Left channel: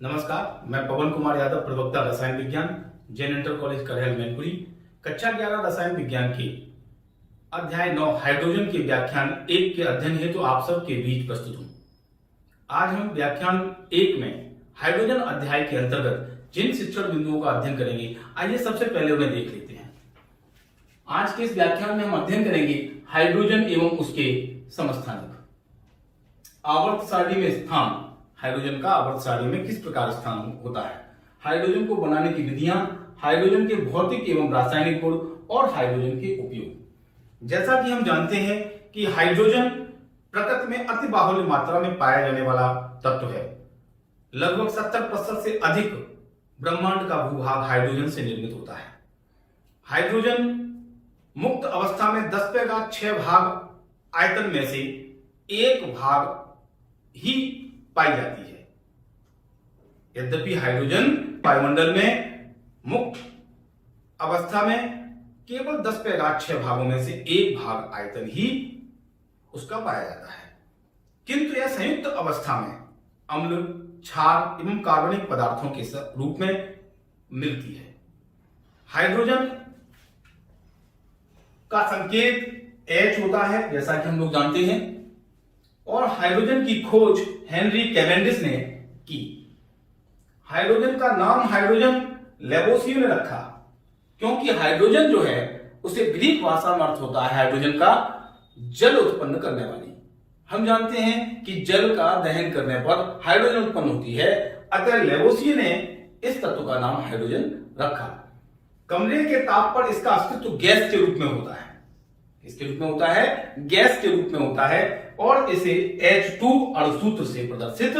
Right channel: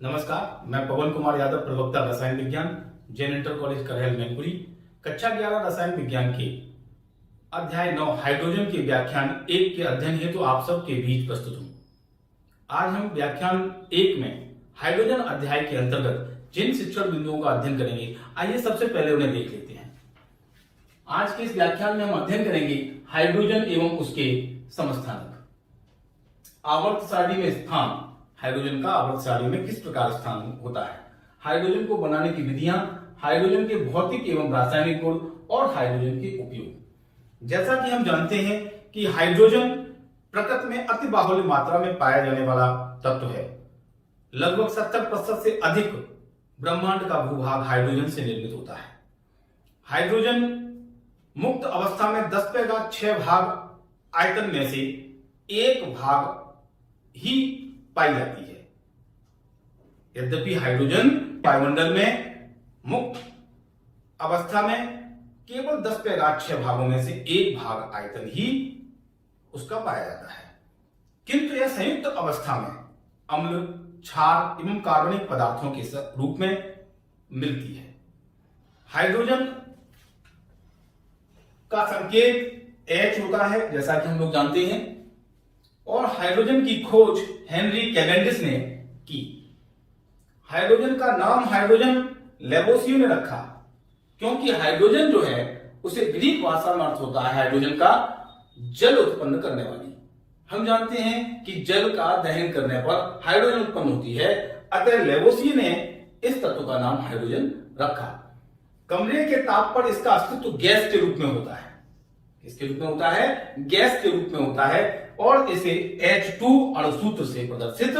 नमस्कार, मैं पवन कुमार यादव, प्रवक्ता रसायन विज्ञान, जैन इंटर कॉलेज करहल मैनपुरी। कक्षा 11 रसायन विज्ञान के अध्याय 9 हाइड्रोजन के व्याख्यान 1 के अध्ययन हेतु आप सबके बीच प्रस्तुत हूं। आज हम व्याख्यान 1 में हाइड्रोजन अध्याय के अंतर्गत जिन शिक्षण बिंदुओं का अध्ययन करेंगे, आइए सबसे पहले उन्हें देख लेते हैं। आज के इस व्याख्यान में हम अध्ययन करेंगे हाइड्रोजन एवं उसके समस्थानिक। आवर्त सारणी में स्थान, हाइड्रोजन का आवर्त सारणी में किस प्रकार स्थान होता है, हाइड्रोजन को बनाने की विधियां, हाइड्रोजन के भौतिक एवं रासायनिक गुण और हाइड्रोजन के उपयोग। जैसा कि हम जानते हैं कि हाइड्रोजन प्रकृति में अति बाहुल्य मात्रा में पाया जाने वाला तत्व है। लगभग 70% से अधिक ब्रह्मांड का भूभाग हाइड्रोजन से निर्मित होता है। हाइड्रोजन मुक्त अवस्था में 10⁶ भाग आयतन में से 1 भाग ही पाई जाती है। यद्यपि हाइड्रोजन वायुमंडल में मुक्त अवस्था में केवल 10⁶ भागों में से 1 भाग आयतन ही उसका पाया जाता है, किंतु यह संयुक्त अवस्था में अम्ल, क्षार एवं कार्बनिक पदार्थों के रूप में मिलती है। हाइड्रोजन का संकेत H होता है, जैसा कि हम लोग जानते हैं, और हाइड्रोजन की खोज हेनरी कैवेंडिश ने की। हाइड्रोजन का नाम हाइड्रोजन लेवोसियो ने रखा क्योंकि हाइड्रोजन जो है उसे ग्रीक भाषा में अर्थ होता है हाइड्रोजन का जल उत्पन्न करने वाली। हम जानते हैं कि जल का दहन करने पर हाइड्रोजन उत्पन्न होती है, अतः लेवोसियो ने इस तत्व का नाम हाइड्रोजन रखा। कमरे के ताप पर इसका अस्तित्व गैस के रूप में होता है। इसके रूप में होता है, गैस के रूप में होता है, और इसे H2 अणुसूत्र से प्रदर्शित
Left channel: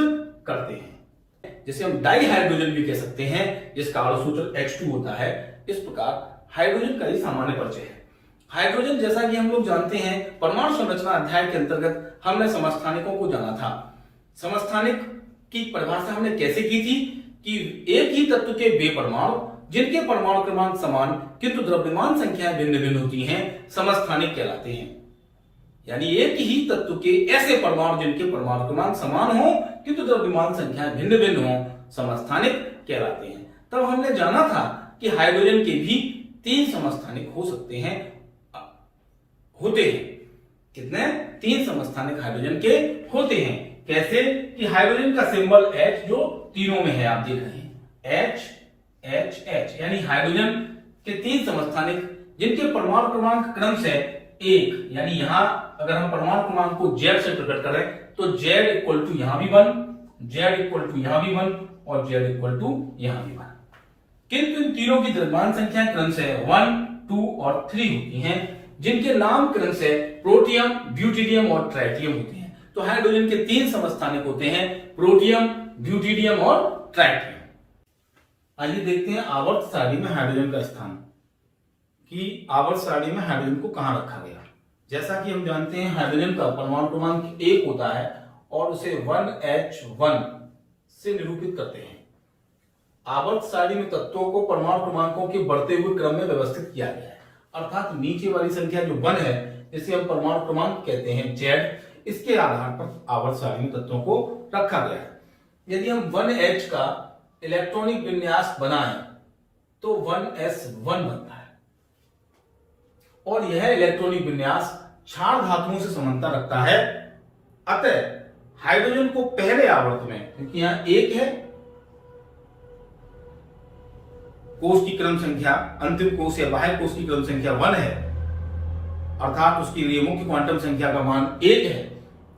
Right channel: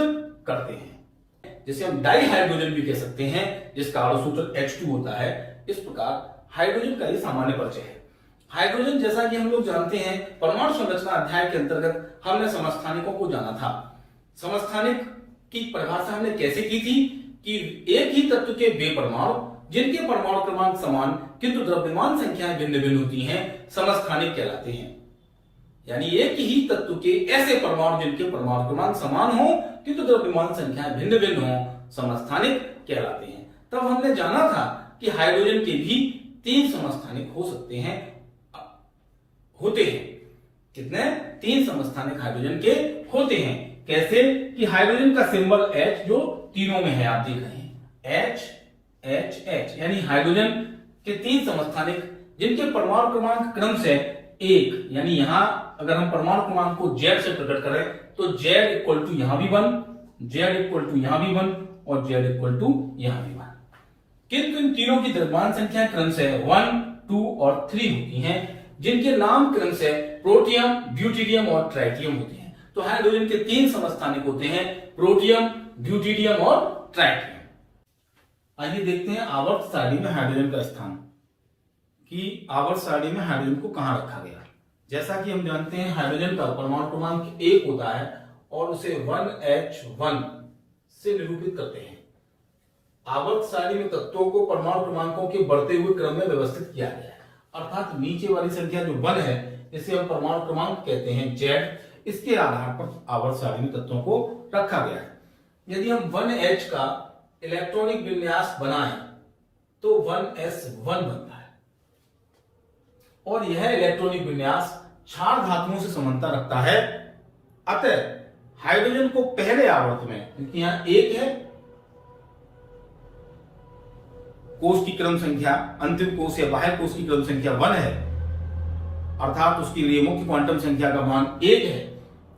करते हैं, जिसे हम डाई हाइड्रोजन भी कह सकते हैं, जिसका अणुसूत्र H2 होता है। इस प्रकार हाइड्रोजन का ही सामान्य परिचय है। हाइड्रोजन, जैसा कि हम लोग जानते हैं, परमाणु संरचना अध्याय के अंतर्गत हमने समस्थानिकों को जाना था। समस्थानिक की परिभाषा हमने कैसे की थी कि एक ही तत्व के वे परमाणु जिनके परमाणु क्रमांक समान किंतु द्रव्यमान संख्याएं भिन्न भिन्न होती हैं, समस्थानिक कहलाते हैं। यानी एक ही तत्व के ऐसे परमाणु जिनके परमाणु क्रमांक समान हो किंतु द्रव्यमान संख्याएं भिन्न भिन्न हो, समस्थानिक कहलाते हैं। तब हमने जाना था कि हाइड्रोजन के भी 3 समस्थानिक हो सकते हैं, होते हैं। कितने? 3 समस्थानिक हाइड्रोजन के होते हैं। कैसे? कि हाइड्रोजन का सिंबल H जो तीनों में है, आप देख रहे हैं, H H H, यानी हाइड्रोजन के 3 समस्थानिक जिनके परमाणु क्रमांक क्रमशः 1, यानी यहां अगर हम परमाणु क्रमांक को Z से प्रकट करें तो Z इक्वल टू यहां भी 1, Z इक्वल टू यहां भी 1 और Z इक्वल टू यहां भी 1। किंतु इन तीनों की द्रव्यमान संख्या क्रमशः 1, 2 और 3 होती हैं, जिनके नाम क्रमशः प्रोटियम, ड्यूटेरियम और ट्राइटियम होते हैं। तो हाइड्रोजन के 3 समस्थानिक होते हैं, प्रोटियम, ड्यूटेरियम और ट्राइटियम। आइए देखते हैं आवर्त सारणी में हाइड्रोजन का स्थान, कि आवर्त सारणी में हाइड्रोजन को कहां रखा गया। जैसा कि हम जानते हैं, हाइड्रोजन का परमाणु क्रमांक 1 होता है और उसे 1H1 से निरूपित करते हैं। आवर्त सारणी में तत्वों को परमाणु क्रमांकों के बढ़ते हुए क्रम में व्यवस्थित किया गया है, अर्थात नीचे वाली संख्या जो 1 है, जिसे हम परमाणु क्रमांक कहते हैं Z, इसके आधार पर आवर्त सारणी में तत्वों को रखा गया है। यदि हम 1H का इलेक्ट्रॉनिक विन्यास बनाएं तो 1S1 बनता है, और यह इलेक्ट्रॉनिक विन्यास क्षार धातुओं से समानता रखता है। अतः हाइड्रोजन को पहले आवर्त में, क्योंकि यहां 1 है, कोष की क्रम संख्या, अंतिम कोष या बाह्य कोष की क्रम संख्या 1 है, अर्थात उसके लिए मुख्य क्वांटम संख्या का मान 1 है,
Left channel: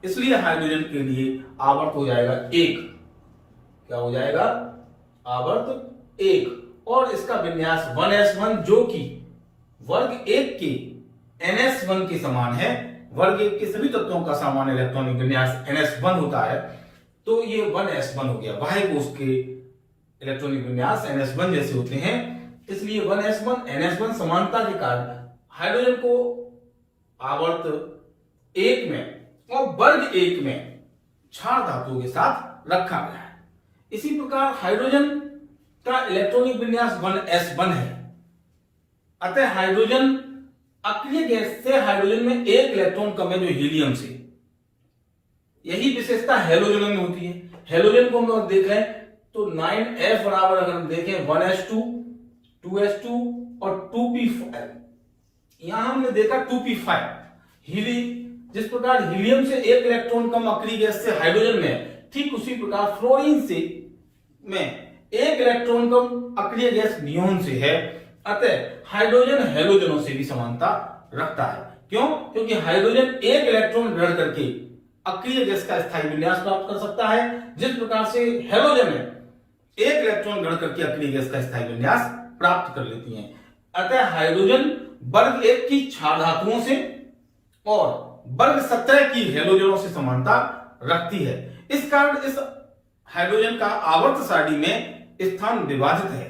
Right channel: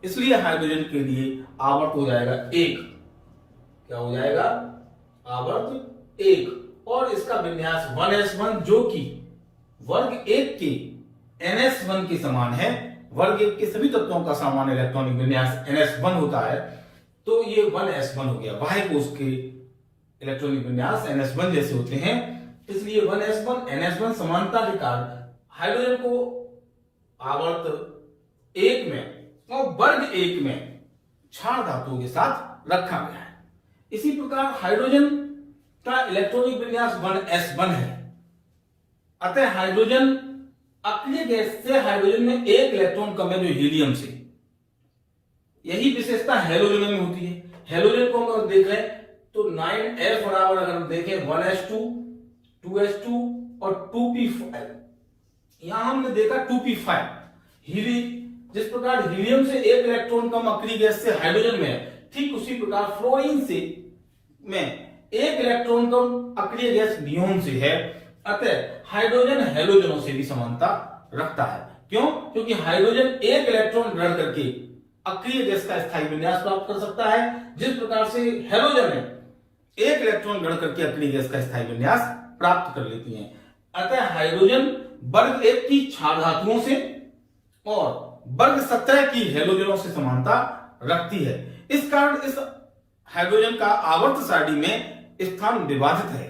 इसलिए हाइड्रोजन के लिए आवर्त हो जाएगा 1। क्या हो जाएगा? आवर्त 1, और इसका विन्यास 1S1 जो कि वर्ग 1 के NS1 के समान है। वर्ग 1 के सभी तत्वों का सामान्य इलेक्ट्रॉनिक विन्यास NS1 होता है, तो ये 1S1 हो गया। बाह्य कोष के इलेक्ट्रॉनिक विन्यास NS1 जैसे होते हैं, इसलिए 1S1 NS1 समानता के कारण हाइड्रोजन को आवर्त 1 में और वर्ग 1 में क्षार धातुओं के साथ रखा गया है। इसी प्रकार हाइड्रोजन का इलेक्ट्रॉनिक विन्यास 1S1 है, अतः हाइड्रोजन अक्रिय गैस से हाइड्रोजन में 1 इलेक्ट्रॉन कम है, जो हीलियम से। यही विशेषता हेलोजन में होती है। हेलोजन को हम लोग देख रहे हैं तो 9s बराबर अगर हम देखें 1s2 2s2 और 2p5, यहां हमने देखा 2p5 जिस प्रकार हीलियम से एक इलेक्ट्रॉन कम अक्रिय गैस से हाइड्रोजन में है, ठीक उसी प्रकार फ्लोरीन से में एक इलेक्ट्रॉन कम अक्रिय गैस नियोन से है। अतः हाइड्रोजन हैलोजनों से भी समानता रखता है। क्यों? क्योंकि हाइड्रोजन एक इलेक्ट्रॉन ग्रहण करके अक्रिय गैस का स्थायी विन्यास प्राप्त कर सकता है, जिस प्रकार से हैलोजन में एक इलेक्ट्रॉन ग्रहण करके अक्रिय गैस का स्थायी विन्यास प्राप्त कर लेती हैं। अतः हाइड्रोजन वर्ग 1 की क्षार धातुओं से और वर्ग 17 की हैलोजनों से समानता रखती है। इस कारण इस हाइड्रोजन का आवर्त सारणी में स्थान विभाजित है।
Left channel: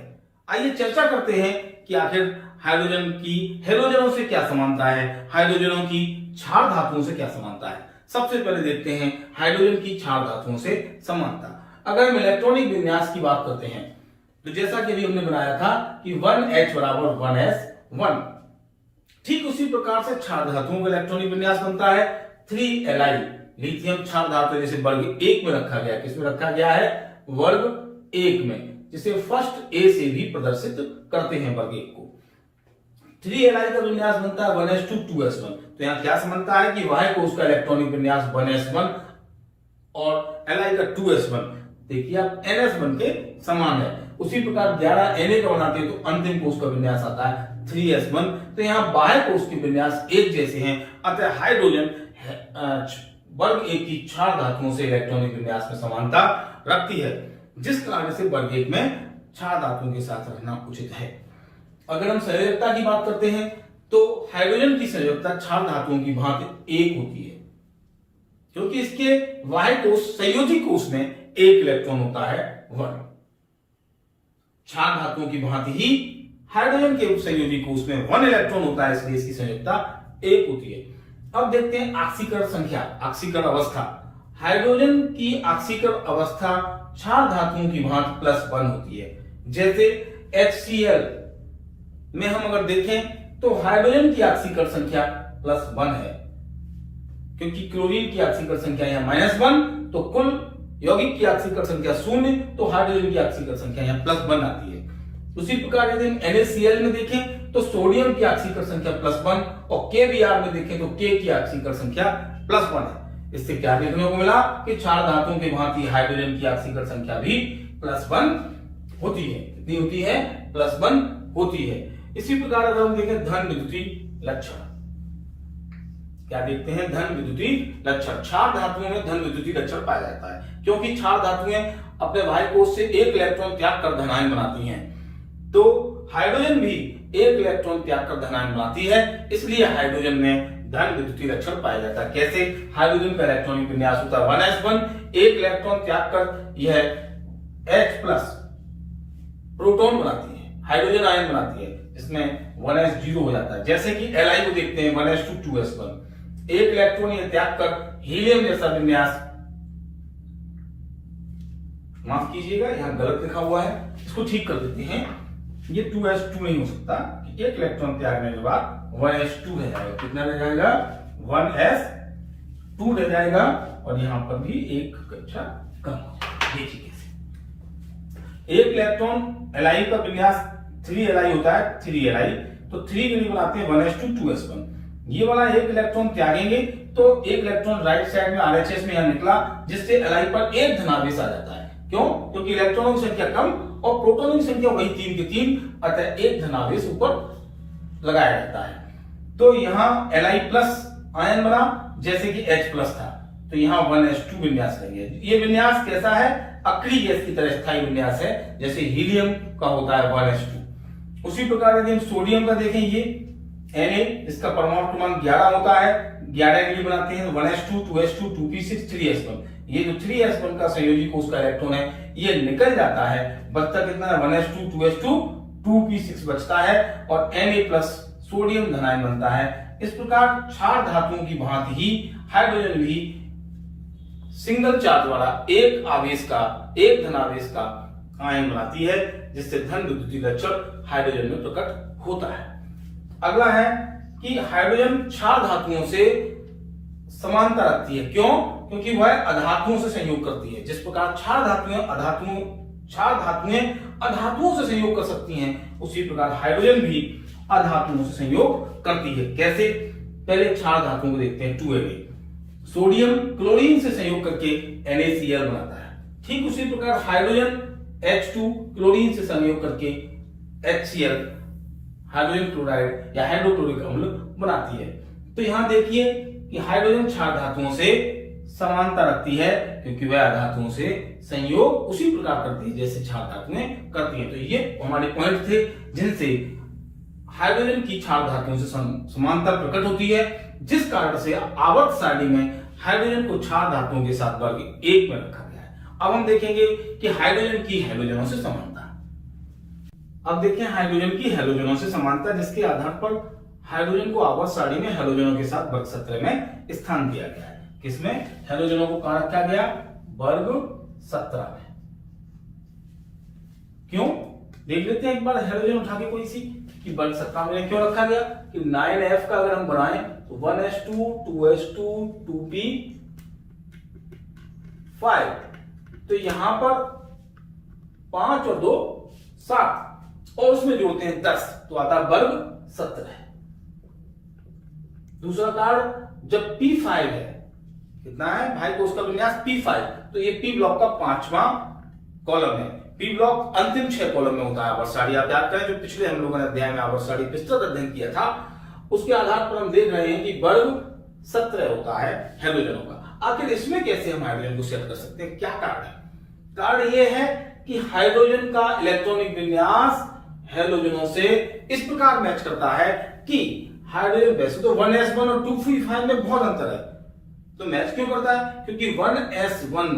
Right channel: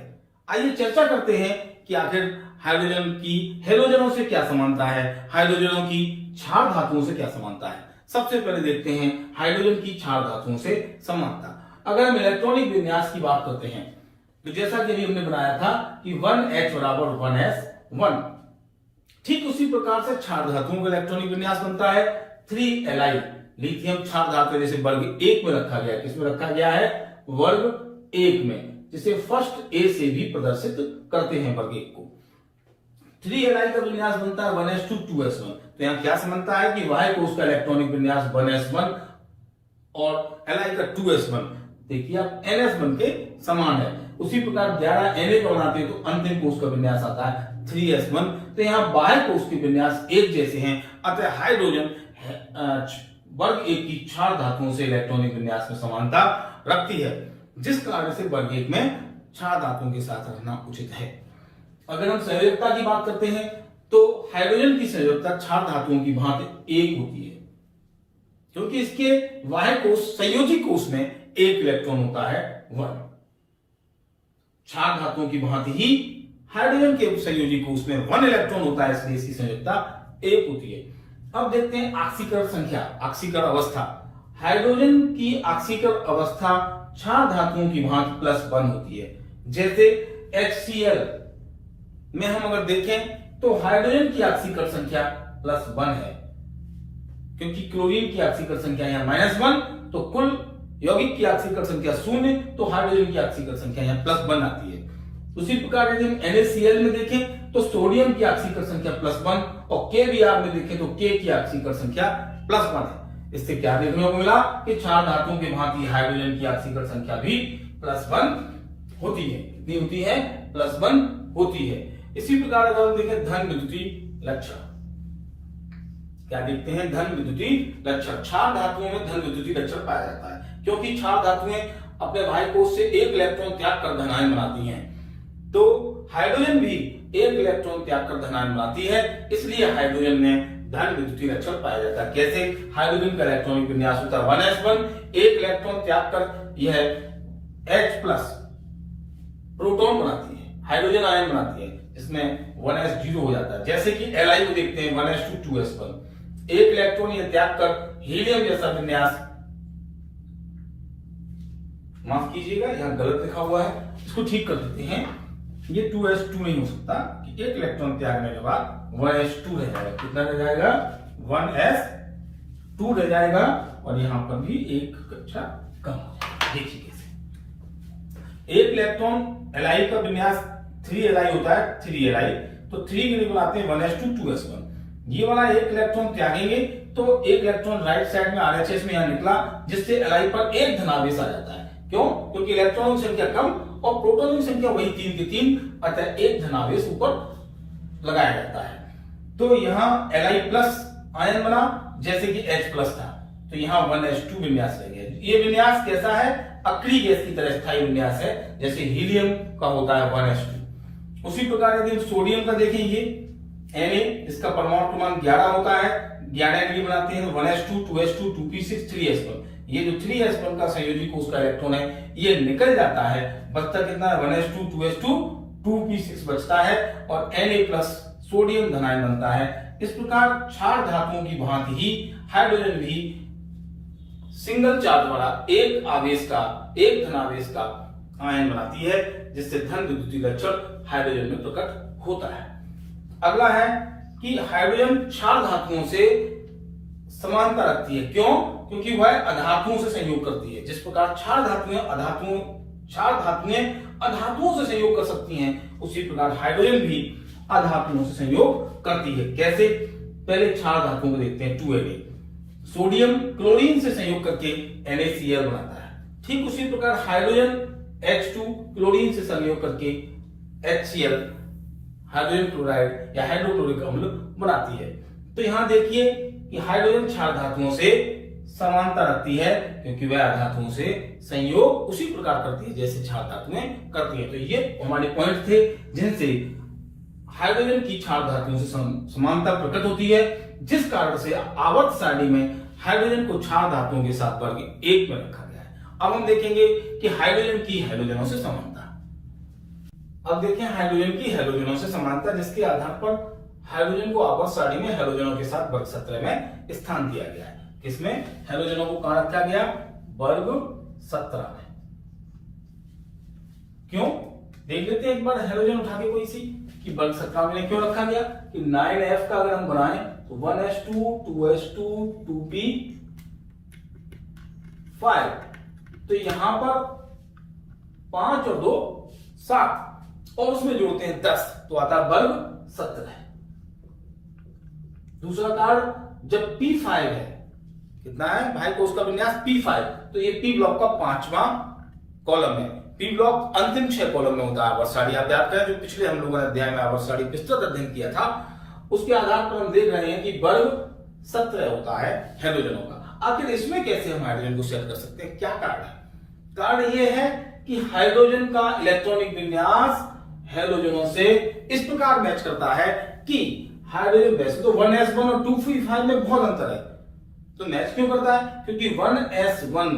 आइए चर्चा करते हैं कि आखिर हाइड्रोजन की हैलोजनों से क्या समानता है, हाइड्रोजनों की क्षार धातुओं से क्या समानता है। सबसे पहले देखते हैं हाइड्रोजन की क्षार धातुओं से समानता। अगर हम इलेक्ट्रॉनिक विन्यास की बात करते हैं तो जैसा कि अभी हमने बनाया था कि 1H बराबर 1s1, ठीक उसी प्रकार से क्षार धातुओं का इलेक्ट्रॉनिक विन्यास बनता है 3Li। लिथियम क्षार धातु जैसे वर्ग 1 में रखा गया है, किसमें रखा गया है? वर्ग 1 में, जिसे फर्स्ट ए से भी प्रदर्शित करते हैं वर्ग 1 को। 3Li का विन्यास बनता है 1s2 2s1। तो यहां क्या समानता है कि वाह्य कोश का इलेक्ट्रॉनिक विन्यास 1s1 और Li का 2s1, देखिए आप ns1 के समान है। उसी प्रकार 11 Na का बनाते हैं तो अंतिम कोश का विन्यास आता है 3s1। तो यहां बाह्य कोश के विन्यास एक जैसे हैं। अतः हाइड्रोजन वर्ग 1 की क्षार धातुओं से इलेक्ट्रॉनिक विन्यास में समानता रखती है, जिस कारण से वर्ग 1 में क्षार धातुओं के साथ रखना उचित है। अगर हम संयोजकता की बात करते हैं तो हाइड्रोजन की संयोजकता क्षार धातुओं की भांति 1 होती है, क्योंकि इसके बाह्य कोश संयोजी कोश में एक इलेक्ट्रॉन होता है 1। क्षार धातुओं की भांति ही हाइड्रोजन के संयोजी कोश में 1 इलेक्ट्रॉन होता है, इसलिए इसकी संयोजकता 1 होती है। अब देखते हैं ऑक्सीकरण संख्या, ऑक्सीकरण अवस्था। हाइड्रोजन की ऑक्सीकरण अवस्था क्षार धातुओं की भांति +1 होती है। जैसे HCl में हम अगर देखें तो हाइड्रोजन की ऑक्सीकरण संख्या +1 है, क्योंकि क्लोरीन की ऑक्सीकरण संख्या यहाँ -1, तो कुल यौगिक की ऑक्सीकरण संख्या 0, तो हाइड्रोजन की ऑक्सीकरण संख्या यहाँ +1 आती है। उसी प्रकार यदि हम NaCl में देखें तो सोडियम की ऑक्सीकरण संख्या +1 और KBr में देखें तो K की ऑक्सीकरण संख्या +1 है। इससे क्या देखने को मिला कि क्षार धातुओं के भांति हाइड्रोजन की ऑक्सीकरण संख्या भी +1 होती है। कितनी होती है? +1 होती है। इसी प्रकार अगर हम देखें धन विद्युतीय लक्षण, क्या देखते हैं? धन विद्युतीय लक्षण। क्षार धातुओं में धन विद्युतीय लक्षण पाया जाता है, क्योंकि क्षार धातुएं अपने बाह्य कोश से एक इलेक्ट्रॉन त्याग कर धनायन बनाती हैं, तो हाइड्रोजन भी एक इलेक्ट्रॉन त्याग कर धनायन बनाती है, इसलिए हाइड्रोजन में धन विद्युतीय लक्षण पाया जाता है। कैसे? हाइड्रोजन का इलेक्ट्रॉनिक विन्यास होता है 1s1, एक इलेक्ट्रॉन त्याग कर यह H+ प्रोटॉन बनाती है, हाइड्रोजन आयन बनाती है, जिसमें 1s0 हो जाता है। जैसे कि Li को देखते हैं 1s2 2s1, एक इलेक्ट्रॉन यह त्याग कर हीलियम जैसा विन्यास, माफ कीजिएगा यहां गलत लिखा हुआ है, इसको ठीक कर देते हैं। ये 2s2 नहीं हो सकता कि एक इलेक्ट्रॉन त्यागने के बाद 1s2 रह जाएगा। कितना रह जाएगा? 1s2 रह जाएगा, और यहां पर भी एक कक्षा कम हो जाएगा। देखिए कैसे एक इलेक्ट्रॉन Li का विन्यास 3Li होता है, 3Li, तो 3 के लिए बनाते हैं 1s2 2s1। ये वाला एक इलेक्ट्रॉन त्यागेंगे तो एक इलेक्ट्रॉन राइट साइड में RHS में यहां निकला, जिससे Li पर एक धनावेश आ जाता है। क्यों? क्योंकि इलेक्ट्रॉनों की संख्या कम और प्रोटॉनों की संख्या वही 3 के 3, अतः एक धनावेश ऊपर लगाया जाता है। तो यहाँ Li+ आयन बना, जैसे कि H+ था, तो यहाँ 1s2 विन्यास रह गया। ये विन्यास कैसा है? अक्रिय गैस की तरह स्थायी विन्यास है, जैसे हीलियम का होता है 1s2। उसी प्रकार यदि हम सोडियम का देखें, ये Na, इसका परमाणु क्रमांक 11 होता है, 11 के लिए बनाते हैं 1s2 2s2 2p6 3s1। ये जो 3s1 का संयोजी कोश का इलेक्ट्रॉन है ये निकल जाता है, बचता कितना है? 1s2 2s2 2p6 बचता है, और Na+ सोडियम धनायन बनता है। इस प्रकार क्षार धातुओं की भांति ही हाइड्रोजन भी सिंगल चार्ज वाला एक आवेश का, एक धनावेश का आयन बनाती है, जिससे धन विद्युतीय लक्षण हाइड्रोजन में प्रकट होता है। अगला है कि हाइड्रोजन क्षार धातुओं से समानता रखती है। क्यों? क्योंकि वह अधातुओं से संयोग करती है। जिस प्रकार क्षार धातुएं क्षार धातुएं अधातुओं से संयोग कर सकती हैं, उसी प्रकार हाइड्रोजन भी अधातुओं से संयोग करती है। कैसे? पहले क्षार धातुओं को देखते हैं। 2Na सोडियम क्लोरीन से संयोग करके NaCl बनाता है। ठीक उसी प्रकार हाइड्रोजन H2 क्लोरीन से संयोग करके HCl हाइड्रोजन क्लोराइड या हाइड्रोक्लोरिक अम्ल बनाती है। तो यहां देखिए कि हाइड्रोजन क्षार धातुओं से समानता रखती है, क्योंकि वह अधातुओं से संयोग उसी प्रकार करती है जैसे क्षार धातुएं करती हैं। तो ये हमारे पॉइंट थे जिनसे हाइड्रोजन की क्षार धातुओं से समानता प्रकट होती है, जिस कारण से आवर्त सारणी में हाइड्रोजन को क्षार धातुओं के साथ वर्ग 1 में रखा गया है। अब हम देखेंगे कि हाइड्रोजन की हैलोजनों से समानता। अब देखें हाइड्रोजन की हैलोजनों से समानता, जिसके आधार पर हाइड्रोजन को आवर्त सारणी में हैलोजनों के साथ वर्ग 17 में स्थान दिया गया है। किसमें? हैलोजनों को कहां रखा गया? वर्ग 17 में। क्यों? देख लेते हैं एक बार हैलोजन उठा के कोई सी कि वर्ग 17 में क्यों रखा गया कि 9F का अगर हम बनाएं तो 1s2 2s2 2p5, तो यहां पर 5 और 2 7 और उसमें जोड़ते हैं 10, तो आता है वर्ग 17। दूसरा कार्ड जब P5 है, कितना है भाई को उसका विन्यास P5, तो ये P ब्लॉक का 5वां कॉलम है। P ब्लॉक अंतिम 6 कॉलम में होता है आवर्त सारणी। आप याद करें जो पिछले हम लोगों ने अध्याय में आवर्त सारणी विस्तृत अध्ययन किया था, उसके आधार पर हम देख रहे हैं कि वर्ग 17 होता है हैलोजनों का। आखिर इसमें कैसे हम हाइड्रोजन को सेट कर सकते हैं? क्या कार्ड है? कार्ड ये है कि हाइड्रोजन का इलेक्ट्रॉनिक विन्यास हैलोजनों से इस प्रकार मैच करता है कि हाइड्रोजन वैसे तो 1s1 और 2p5 में बहुत अंतर है, तो मैच क्यों करता है? क्योंकि 1s1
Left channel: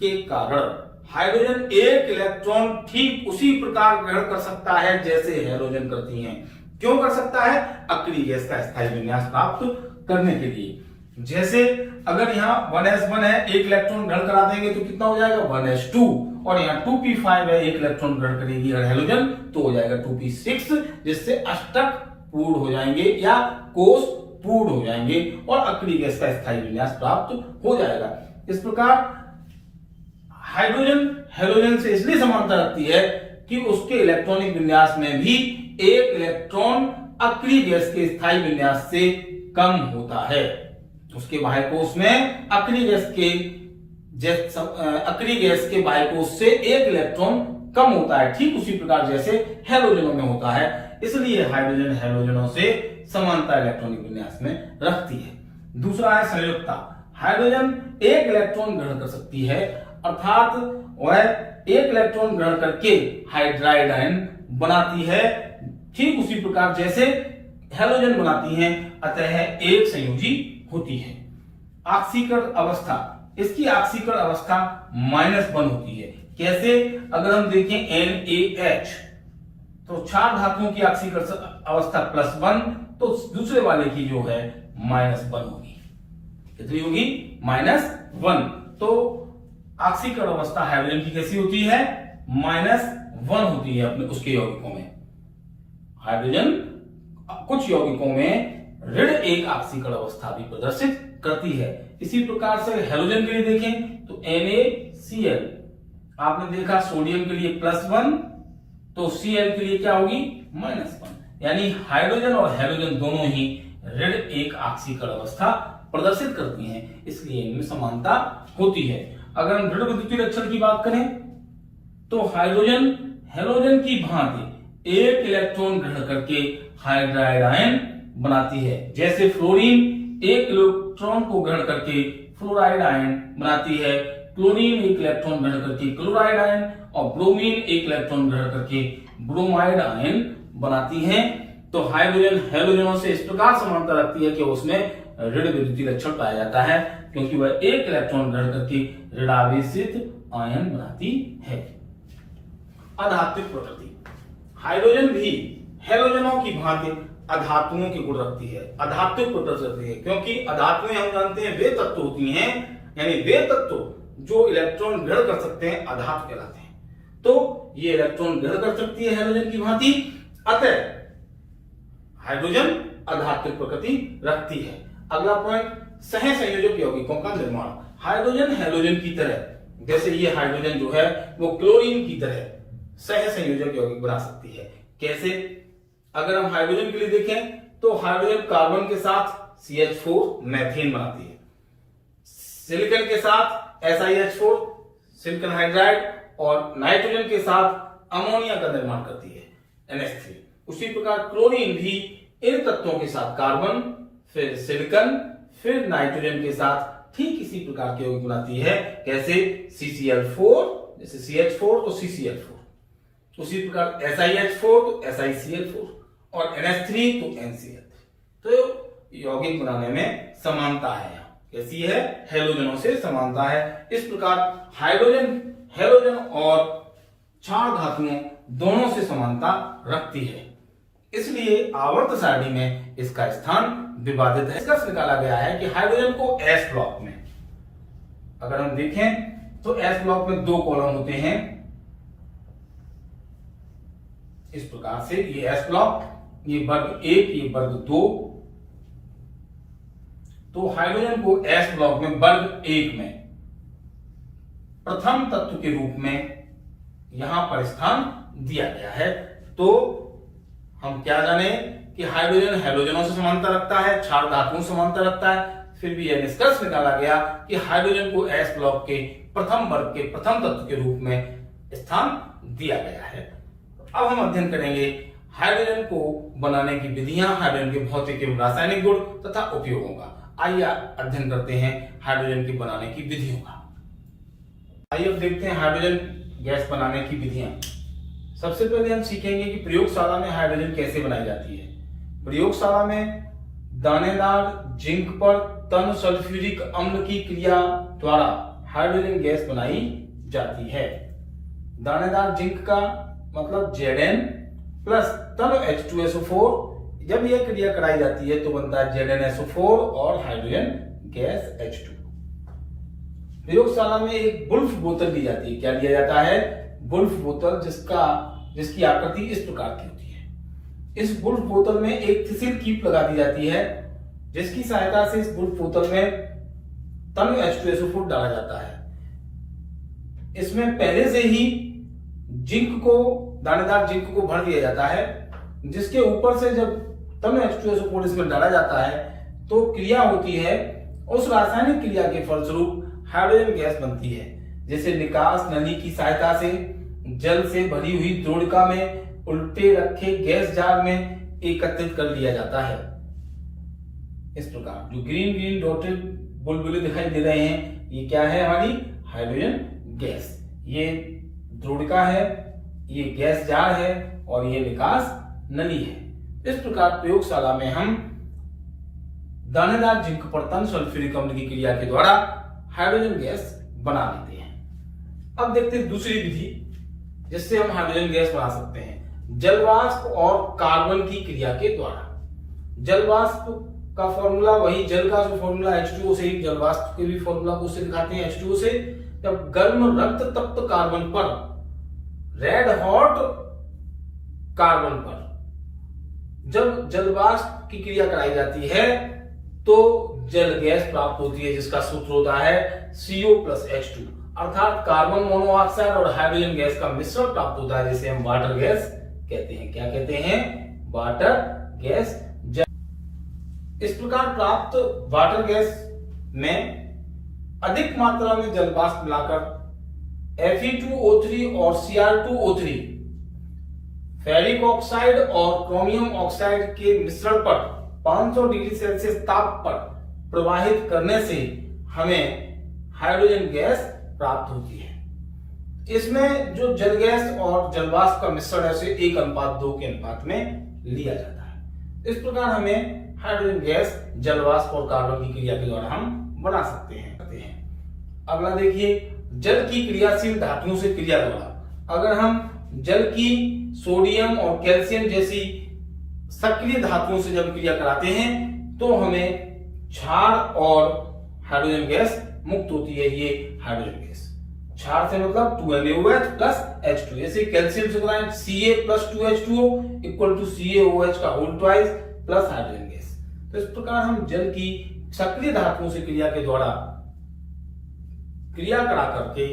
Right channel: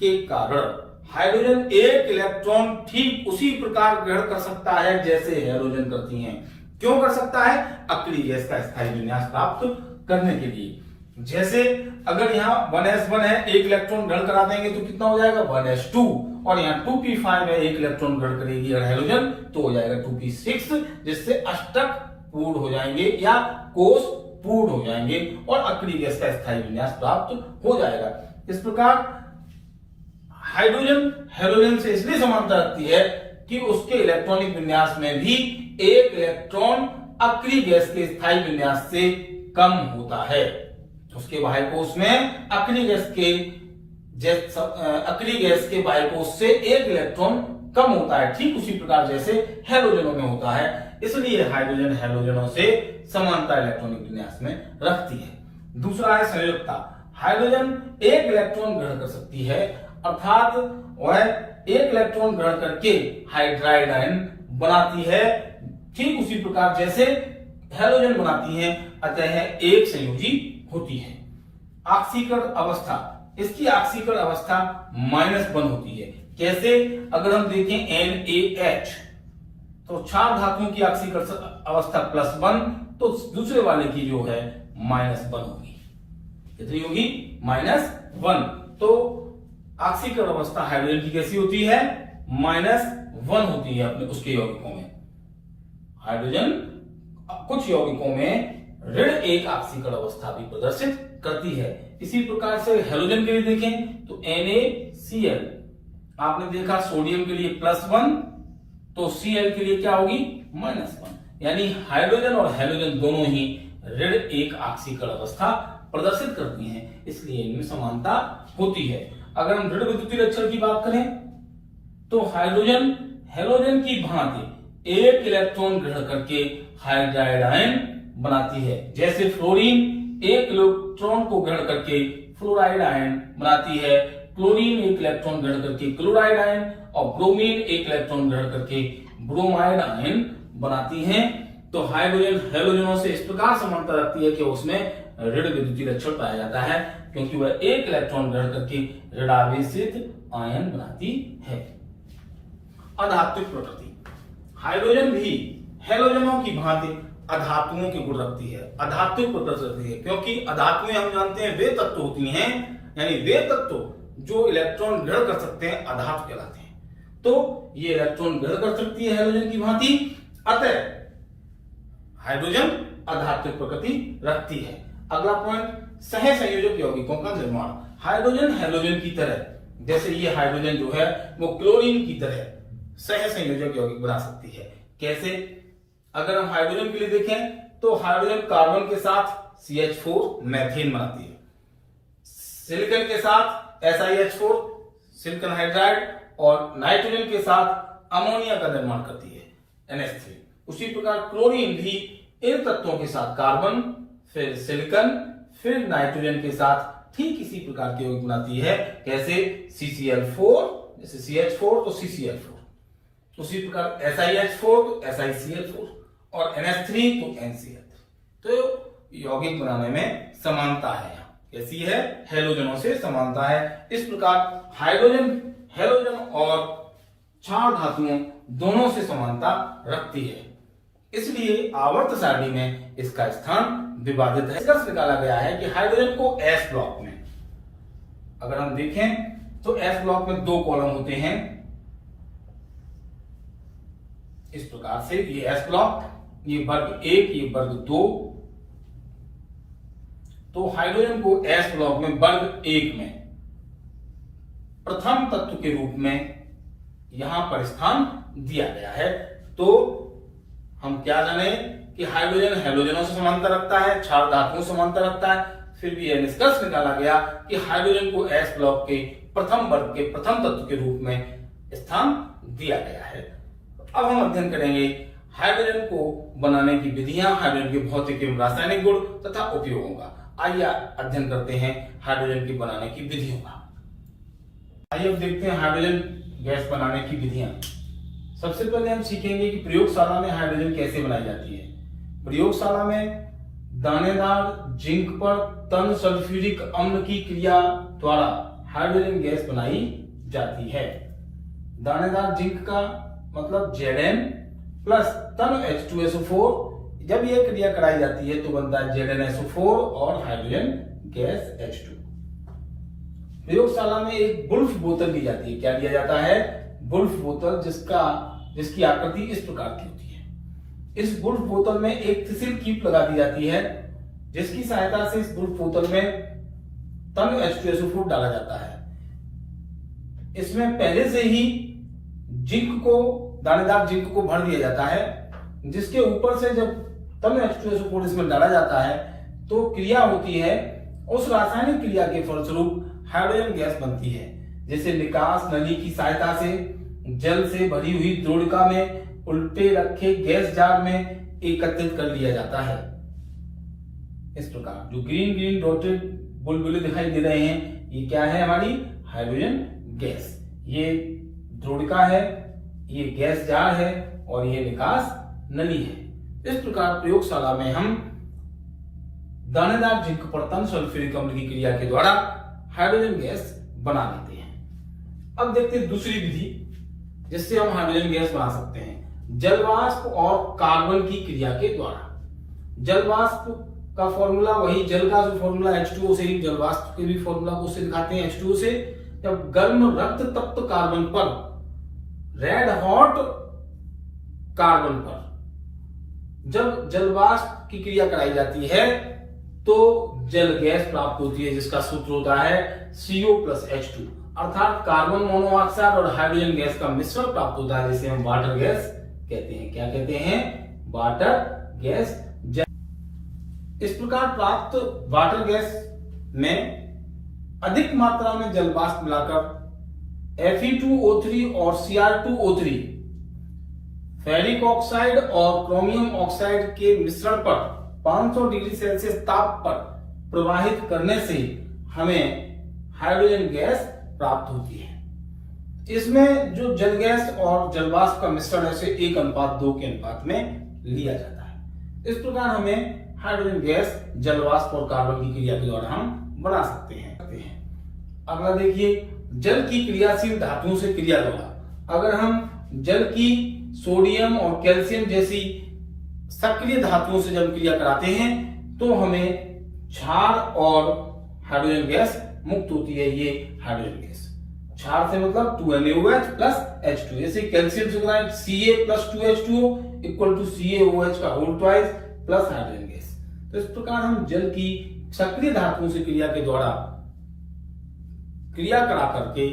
के कारण हाइड्रोजन एक इलेक्ट्रॉन ठीक उसी प्रकार ग्रहण कर सकता है जैसे हैलोजन करती हैं। क्यों कर सकता है? अक्रिय गैस का स्थायी विन्यास प्राप्त करने के लिए। जैसे अगर यहाँ 1s1 है, एक इलेक्ट्रॉन ग्रहण करा देंगे तो कितना हो जाएगा? 1s2, और यहाँ 2p5 है, एक इलेक्ट्रॉन ग्रहण करेगी अगर हैलोजन तो हो जाएगा 2p6, जिससे अष्टक पूर्ण हो जाएंगे या कोष पूर्ण हो जाएंगे और अक्रिय गैस का स्थायी विन्यास प्राप्त हो जाएगा। इस प्रकार हाइड्रोजन हैलोजन से इसलिए समानता रखती है कि उसके इलेक्ट्रॉनिक विन्यास में भी एक इलेक्ट्रॉन अक्रिय गैस के स्थायी विन्यास से कम होता है। उसके बाह्य कोश में अक्रिय गैस के बाह्य कोश से एक इलेक्ट्रॉन कम होता है, ठीक उसी प्रकार जैसे हैलोजनों में होता है। इसलिए हाइड्रोजन हैलोजनों से समानता इलेक्ट्रॉनिक विन्यास में रखती है। दूसरा है संयोजकता। हाइड्रोजन एक इलेक्ट्रॉन ग्रहण कर सकती है, अर्थात वह एक इलेक्ट्रॉन ग्रहण करके हाइड्राइड आयन बनाती है, ठीक उसी प्रकार जैसे हैलोजन बनाती है, अतः एक संयोजी होती है। ऑक्सीकरण अवस्था, इसकी ऑक्सीकरण अवस्था -1 होती है। कैसे? अगर हम देखें NaH, तो क्षार धातुओं की ऑक्सीकरण अवस्था +1, तो दूसरे वाले की जो है -1 होगी। कितनी होगी? -1। तो ऑक्सीकरण अवस्था हाइड्रोजन की कैसी होती है? -1 होती है अपने उसके यौगिकों में। हाइड्रोजन कुछ यौगिकों में ऋण 1 ऑक्सीकरण अवस्था भी प्रदर्शित करती है। इसी प्रकार से हैलोजन के लिए देखें तो NaCl, आपने देखा सोडियम के लिए +1, तो Cl के लिए क्या होगी? -1। यानी हाइड्रोजन और हैलोजन दोनों ही ऋण 1 ऑक्सीकरण अवस्था प्रदर्शित करती हैं, इसलिए इनमें समानता होती है। अगर हम ऋण विद्युतीय लक्षण की बात करें तो हाइड्रोजन हैलोजन की भांति एक इलेक्ट्रॉन ग्रहण करके हाइड्राइड आयन बनाती है। जैसे फ्लोरीन एक इलेक्ट्रॉन को ग्रहण करके फ्लोराइड आयन बनाती है, क्लोरीन एक इलेक्ट्रॉन ग्रहण करके क्लोराइड आयन, और ब्रोमीन एक इलेक्ट्रॉन ग्रहण करके ब्रोमाइड आयन बनाती हैं। तो हाइड्रोजन हैलोजनों से इस प्रकार समानता रखती है कि उसमें ऋण विद्युतीय लक्षण पाया जाता है, क्योंकि वह एक इलेक्ट्रॉन ग्रहण करके ऋणावेशित आयन बनाती है। अधात्विक प्रकृति, हाइड्रोजन भी हैलोजनों की भांति अधातुओं के गुण रखती है, अधात्विक प्रकृति रखती है, क्योंकि अधातुएं हम जानते हैं वे तत्व होती हैं, यानी वे तत्व जो इलेक्ट्रॉन ग्रहण कर सकते हैं अधातु कहलाते हैं। तो ये इलेक्ट्रॉन ग्रहण कर सकती है हैलोजन की भांति, अतः हाइड्रोजन अधात्विक प्रकृति रखती है। अगला पॉइंट, सह संयोजक यौगिकों का निर्माण। हाइड्रोजन हैलोजन की तरह जैसे ये हाइड्रोजन जो है वो क्लोरीन की तरह सह संयोजक यौगिक बना सकती है। कैसे? अगर हम हाइड्रोजन के लिए देखें तो हाइड्रोजन कार्बन के साथ CH4 मैथेन बनाती है, सिलिकॉन के साथ SiH4 सिलिकॉन हाइड्राइड और नाइट्रोजन के साथ अमोनिया का निर्माण करती है NH3। उसी प्रकार क्लोरीन भी इन तत्वों के साथ कार्बन, फिर सिलिकॉन, फिर नाइट्रोजन के साथ ठीक इसी प्रकार के यौगिक बनाती है। कैसे? CCl4, जैसे CH4 तो CCl4, उसी प्रकार SiH4 तो SiCl4 और NH3 तो NCl3। तो यौगिक बनाने में समानता है। कैसी है? हैलोजनों से समानता है। इस प्रकार हाइड्रोजन हैलोजन और क्षार धातुओं दोनों से समानता रखती है, इसलिए आवर्त सारणी में इसका स्थान विवादित है। निष्कर्ष निकाला गया है कि हाइड्रोजन को S ब्लॉक में, अगर हम देखें तो S ब्लॉक में 2 कॉलम होते हैं इस प्रकार से। ये S ब्लॉक, ये वर्ग 1, ये वर्ग 2। तो हाइड्रोजन को S ब्लॉक में वर्ग 1 में प्रथम तत्व के रूप में यहां पर स्थान दिया गया है। तो हम क्या जाने कि हाइड्रोजन हैलोजनों से समानता रखता है, क्षार धातुओं से समानता रखता है। फिर भी यह निष्कर्ष निकाला गया कि हाइड्रोजन को S ब्लॉक के प्रथम वर्ग के प्रथम तत्व के रूप में स्थान दिया गया है। अब हम अध्ययन करेंगे हाइड्रोजन को बनाने की विधियां, हाइड्रोजन के भौतिक एवं रासायनिक गुण तथा उपयोगों का। आइए अध्ययन करते हैं हाइड्रोजन की बनाने की विधियों का। आइए अब देखते हैं हाइड्रोजन गैस बनाने की विधियां। सबसे पहले हम सीखेंगे कि प्रयोगशाला में हाइड्रोजन कैसे बनाई जाती है। प्रयोगशाला में दानेदार जिंक पर तन सल्फ्यूरिक अम्ल की क्रिया द्वारा हाइड्रोजन गैस बनाई जाती है। दानेदार जिंक का मतलब Zn प्लस तन H2SO4, जब यह क्रिया कराई जाती है तो बनता है ZnSO4 और हाइड्रोजन गैस H2। प्रयोगशाला में एक बुल्फ बोतल ली जाती है। क्या लिया जाता है? बुल्फ बोतल, जिसकी आकृति इस प्रकार की होती है। इस बुल्फ बोतल में एक थिसिल कीप लगा दी जाती है, जिसकी सहायता से इस बुल्फ बोतल में तन H2SO4 डाला जाता है। इसमें पहले से ही जिंक को, दानेदार जिंक को भर दिया जाता है, जिसके ऊपर से जब तन H2SO4 इसमें डाला जाता है तो क्रिया होती है। उस रासायनिक क्रिया के फलस्वरूप हाइड्रोजन गैस बनती है। जैसे निकास नली की सहायता से जल से भरी हुई द्रोणिका में उल्टे रखे गैस जार में एकत्रित कर लिया जाता है। इस प्रकार जो ग्रीन ग्रीन डॉटेड बुलबुले दिखाई दे रहे हैं, ये क्या है? हमारी हाइड्रोजन गैस। ये द्रोणिका है, ये गैस जार है और ये निकास नली है। इस प्रकार प्रयोगशाला में हम दानेदार जिंक पर तन सल्फ्यूरिक अम्ल की क्रिया के द्वारा हाइड्रोजन गैस बना लेते हैं। अब देखते हैं दूसरी विधि जिससे हम हाइड्रोजन गैस बना सकते हैं, जलवाष्प और कार्बन की क्रिया के द्वारा। जलवाष्प का फॉर्मूला वही, जल का जो फॉर्मूला H2O से ही, जलवाष्प के भी फॉर्मूला को उससे दिखाते हैं H2O से। जब गर्म रक्त तप्त कार्बन पर, रेड हॉट कार्बन पर जब जलवाष्प की क्रिया कराई जाती है तो जल गैस प्राप्त होती है, जिसका सूत्र होता है CO प्लस H2, अर्थात कार्बन मोनोऑक्साइड और हाइड्रोजन गैस का मिश्रण प्राप्त होता है, जिसे हम वाटर गैस कहते हैं। क्या कहते हैं? Water gas. इस प्रकार प्राप्त वाटर गैस में अधिक मात्रा में जलवाष्प मिलाकर Fe2O3 और Cr2O3 फेरिक ऑक्साइड और क्रोमियम ऑक्साइड के मिश्रण पर 500 डिग्री सेल्सियस ताप पर प्रवाहित करने से हमें हाइड्रोजन गैस प्राप्त होती है। इसमें जो जल गैस और जलवाष्प का मिश्रण है उसे 1:2 के अनुपात में लिया जाता है। इस प्रकार हमें हाइड्रोजन गैस जलवाष्प और कार्बन की क्रिया के द्वारा हम बना सकते हैं। अगला देखिए, जल की क्रियाशील धातुओं से क्रिया द्वारा। अगर हम जल की सोडियम और कैल्शियम जैसी सक्रिय धातुओं से जब क्रिया कराते हैं तो हमें क्षार और हाइड्रोजन गैस मुक्त होती है। ये हाइड्रोजन गैस, क्षार से मतलब 2NaOH प्लस H2। जैसे कैल्शियम से कराएं Ca plus 2H2O equal to CaOH का whole twice plus hydrogen gas. तो इस प्रकार हम जल की सक्रिय धातुओं से क्रिया के द्वारा क्रिया करा करके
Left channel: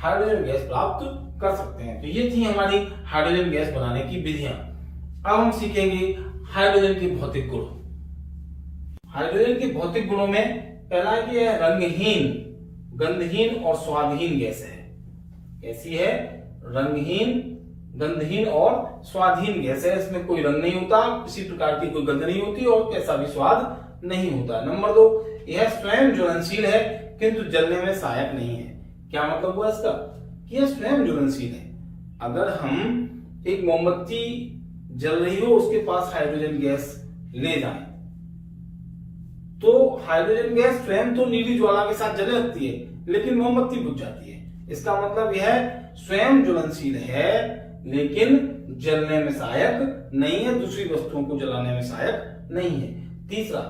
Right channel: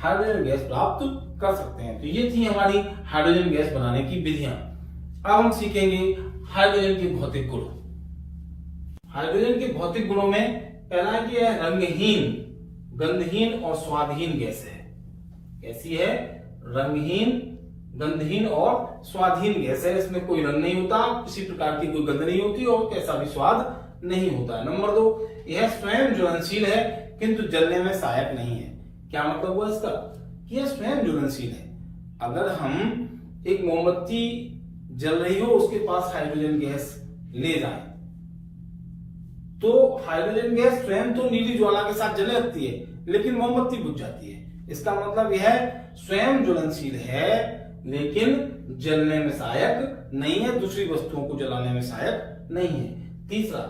हाइड्रोजन गैस प्राप्त कर सकते हैं। तो ये थी हमारी हाइड्रोजन गैस बनाने की विधियां। अब हम सीखेंगे हाइड्रोजन के भौतिक गुण। हाइड्रोजन के भौतिक गुणों में पहला है कि यह रंगहीन, गंधहीन और स्वादहीन गैस है। कैसी है? रंगहीन, गंधहीन और स्वादहीन गैस है। इसमें कोई रंग नहीं होता, किसी प्रकार की कोई गंध नहीं होती और कैसा भी स्वाद नहीं होता। नंबर 2, यह स्वयं ज्वलनशील है किंतु जलने में सहायक नहीं है। क्या मतलब हुआ इसका? कि यह स्वयं ज्वलनशील है। अगर हम एक मोमबत्ती जल रही हो, उसके पास हाइड्रोजन गैस ले जाएं, तो हाइड्रोजन गैस स्वयं तो नीली ज्वाला के साथ जलने लगती है, लेकिन मोमबत्ती बुझ जाती है। इसका मतलब यह स्वयं ज्वलनशील है लेकिन जलने में सहायक नहीं है, दूसरी वस्तुओं को जलाने में सहायक नहीं है। तीसरा,